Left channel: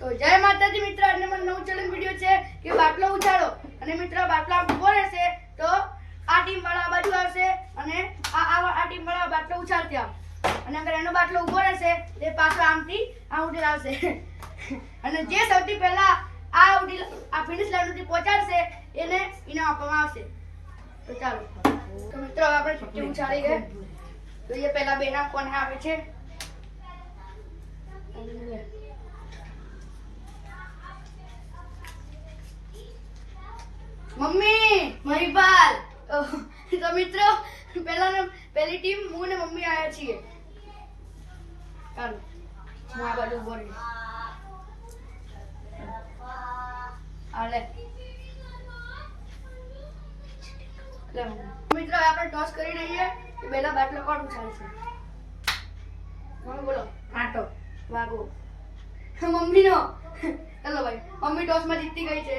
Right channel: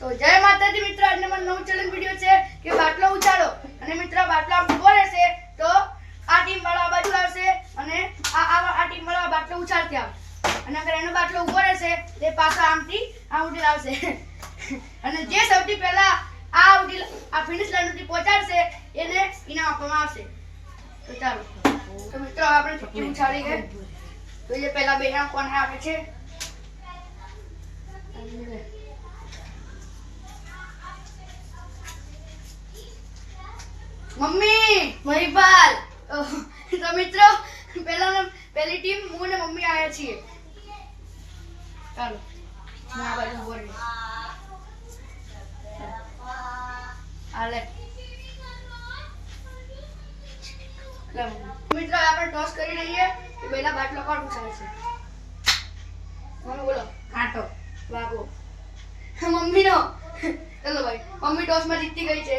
તો જય માતાજી મિત્રો આજે મારું નવું ચેલેન્જ વિડિયો છે કે બાટલો ઉછાળો. અને મિત્રો, બાટલો આમ ઊભો રહેશે તો આ ટીમ વાળા આ બાજુ આવશે અને આ આ આ ટીમ વાળા બાટલો ઉછાળતી આમ. અને અગર એનો બાટલો ઊભો રહેશે, તે પાછો આમથી આમ ઉડી આવશે. અને જે સૌથી પહેલા આ ઉડી આ ફિનિશ લાઈન સુધી પહોંચાડશે, એને ઇનામ આપવામાં આવશે. તો ચાલો. તો મિત્રો આપણે ચીઠ્ઠી ઉછાળી ગઈ જોઈએ પહેલા બે નામ કોને આપે છે. મમ્મી મહિપાલ તો મિત્રો પહેલા પહેલી ટીમ હું ને મમ્મી આવ્યા છીએ. ચાલો હું આ બાજુ ઊભો. મિત્રો આપણે ટોસ કરી લઈએ કે પહેલા બાટલો કોણ ઉછાળશે મમ્મી બોલો. કાંટો. વાગો મમ્મીનો. ચલો ભાઈ મમ્મી ટોસમાં જીતી ગઈ છે.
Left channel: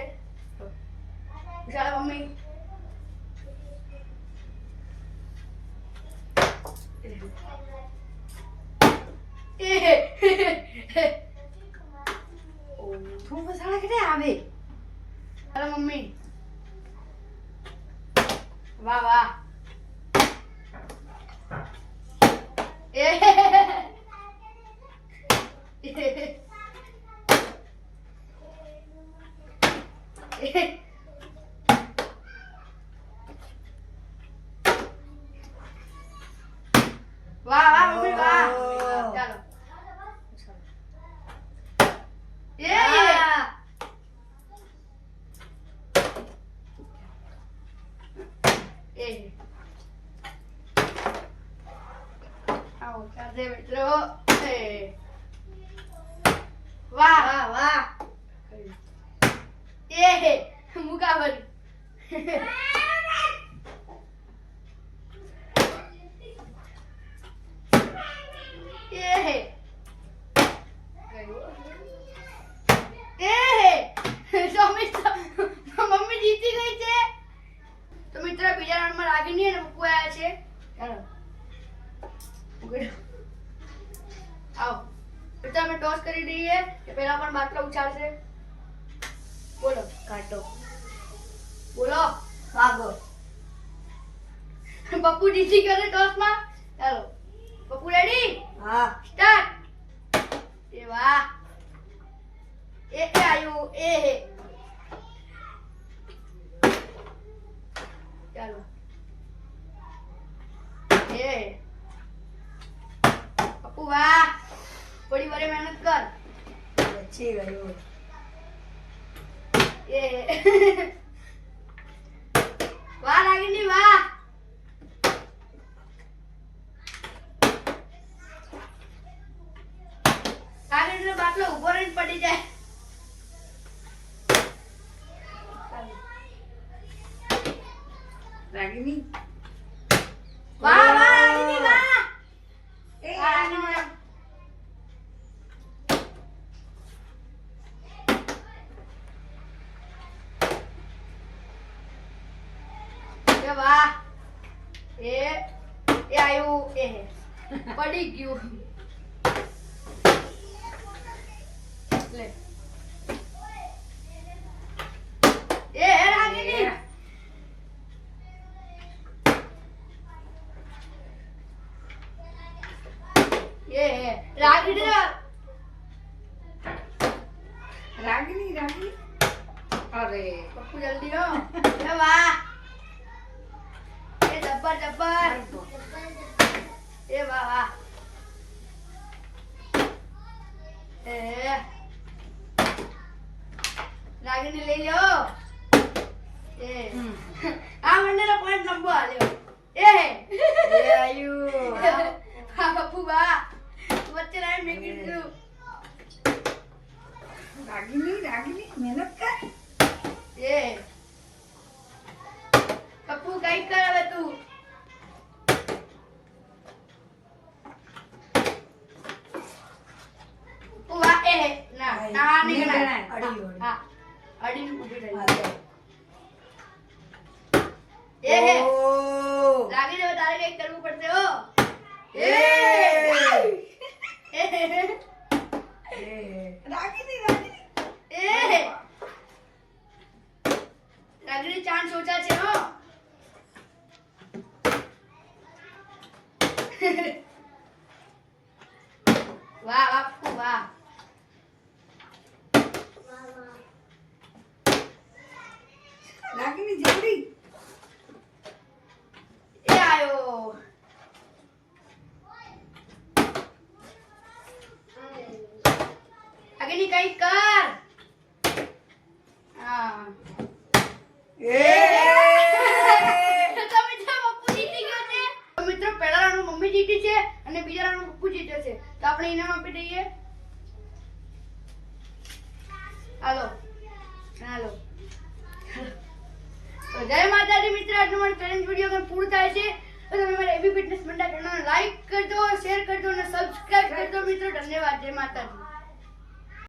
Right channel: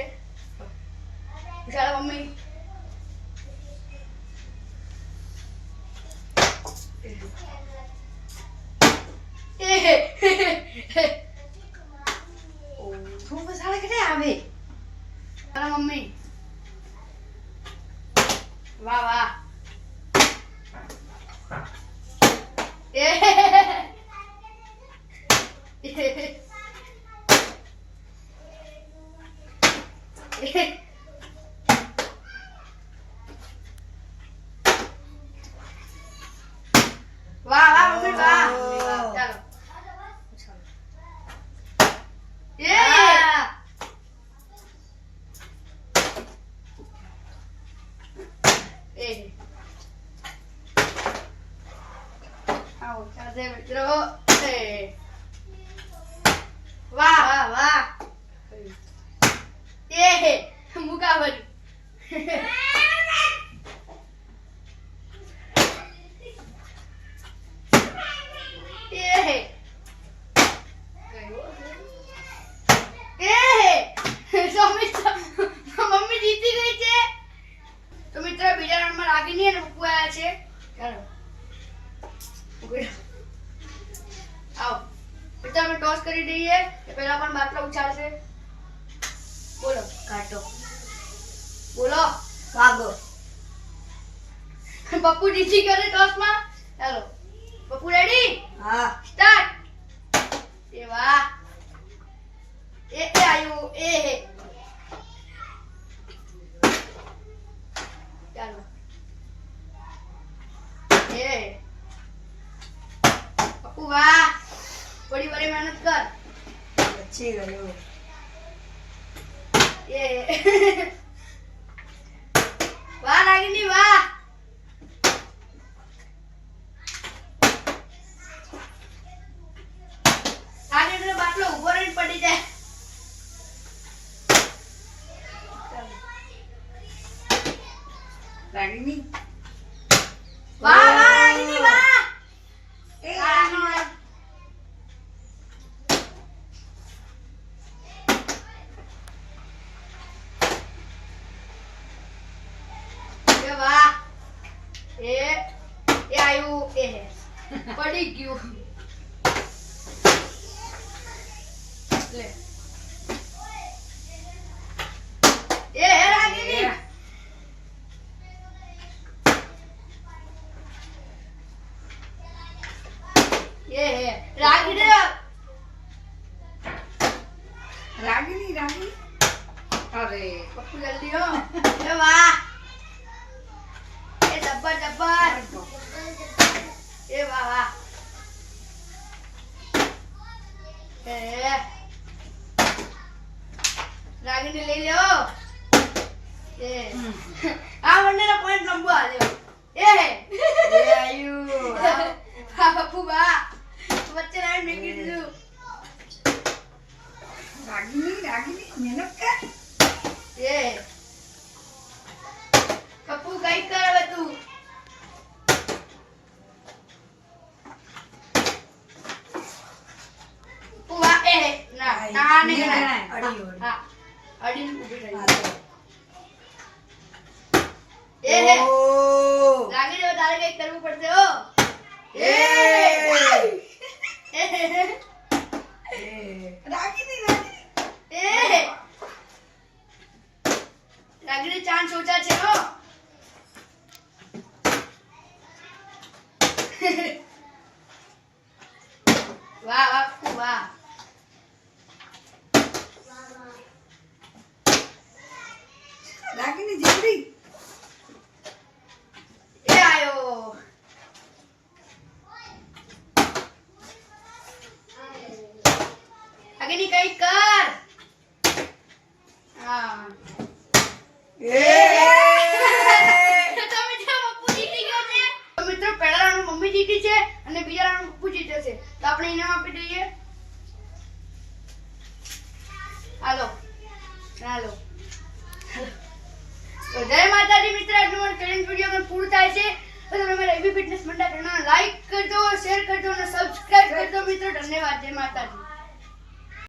ચાલો મમ્મી તું બસાડે કે આવે ચાલો મમ્મી વાહ વાહ એ મિત્રો એ. વાહ. વાહ વાહ. એ મુકાબલી એ એ તો મિત્ર મમ્મી જીતી ગઈ છે તો મિત્ર બીજા રાઉન્ડમાં રાગીની અને પપ્પુ આવ્યા છે ચાલો ઊભી રહો. આવો મિત્ર અમે ટોસ કરી દઈએ કે પહેલા પણ બાટલો ઉછાળશે. બોલો કાટો. બોલો ભાગો પપ્પુ જીતી ગયો ટોસમાં ચાલો. પપ્પુ રેડી હા. સ્ટાર્ટ એ વાહ. એ એ આયુ એ હે. ચાલો. થોડી વારે મહેનત કર બચી ગયો એ વાહ રાગિની વાહ રાગિણીનો બાટલો ઊભો રહીને પડી જાય રાગીની એ વાહ એ એ આયુ એ હે. પડી ગયું લે એ હે રાગિની એ હે રાગિની રાગીની રાગીની અરે પપ્પુ જલ્દી હો એ વાહ એ જબ્બર જબ્બર. એ વાહ વાહ એ રાગીની લઈ લો એ. આ મંડળનો પોઈન્ટ લંબો આલ્યો એ. એ આયુ. હા બાપુ બા વચ્ચે લાઈન મેકી દીધું. રાગીની રાગીની મહેનત કર. हाँ नहीं गिराना है अड़ी हाँ, हाँ अड़ी में रही ये है। लागे जो बता रहे एक कर्म पढ़ते हो ये रागी चाँद सोचा આગળની કઈ કર. હા. એ! તો મિત્રો પપ્પુ જીતી ગયો છે? તો મિત્રો પહેલા રાઉન્ડ મમ્મી જીતી છે અને બીજા રાઉન્ડ પપ્પુ જીતે છે. તો આપણે ઇનામ આપી દઈએ. હાલો. હાલો. તો જય માતાજી મિત્ર આજનો મારો ચેલેન્જ વીડિયો પણ પૂરું થાય છે. તો તમે મારા એબી ફિટનેસ મંડા ચેનલ લાઈક કરજો શેર કરજો અને સબસ્ક્રાઇબ કરજો મિત્રો. ધન્યવાદ. જય માતાજી.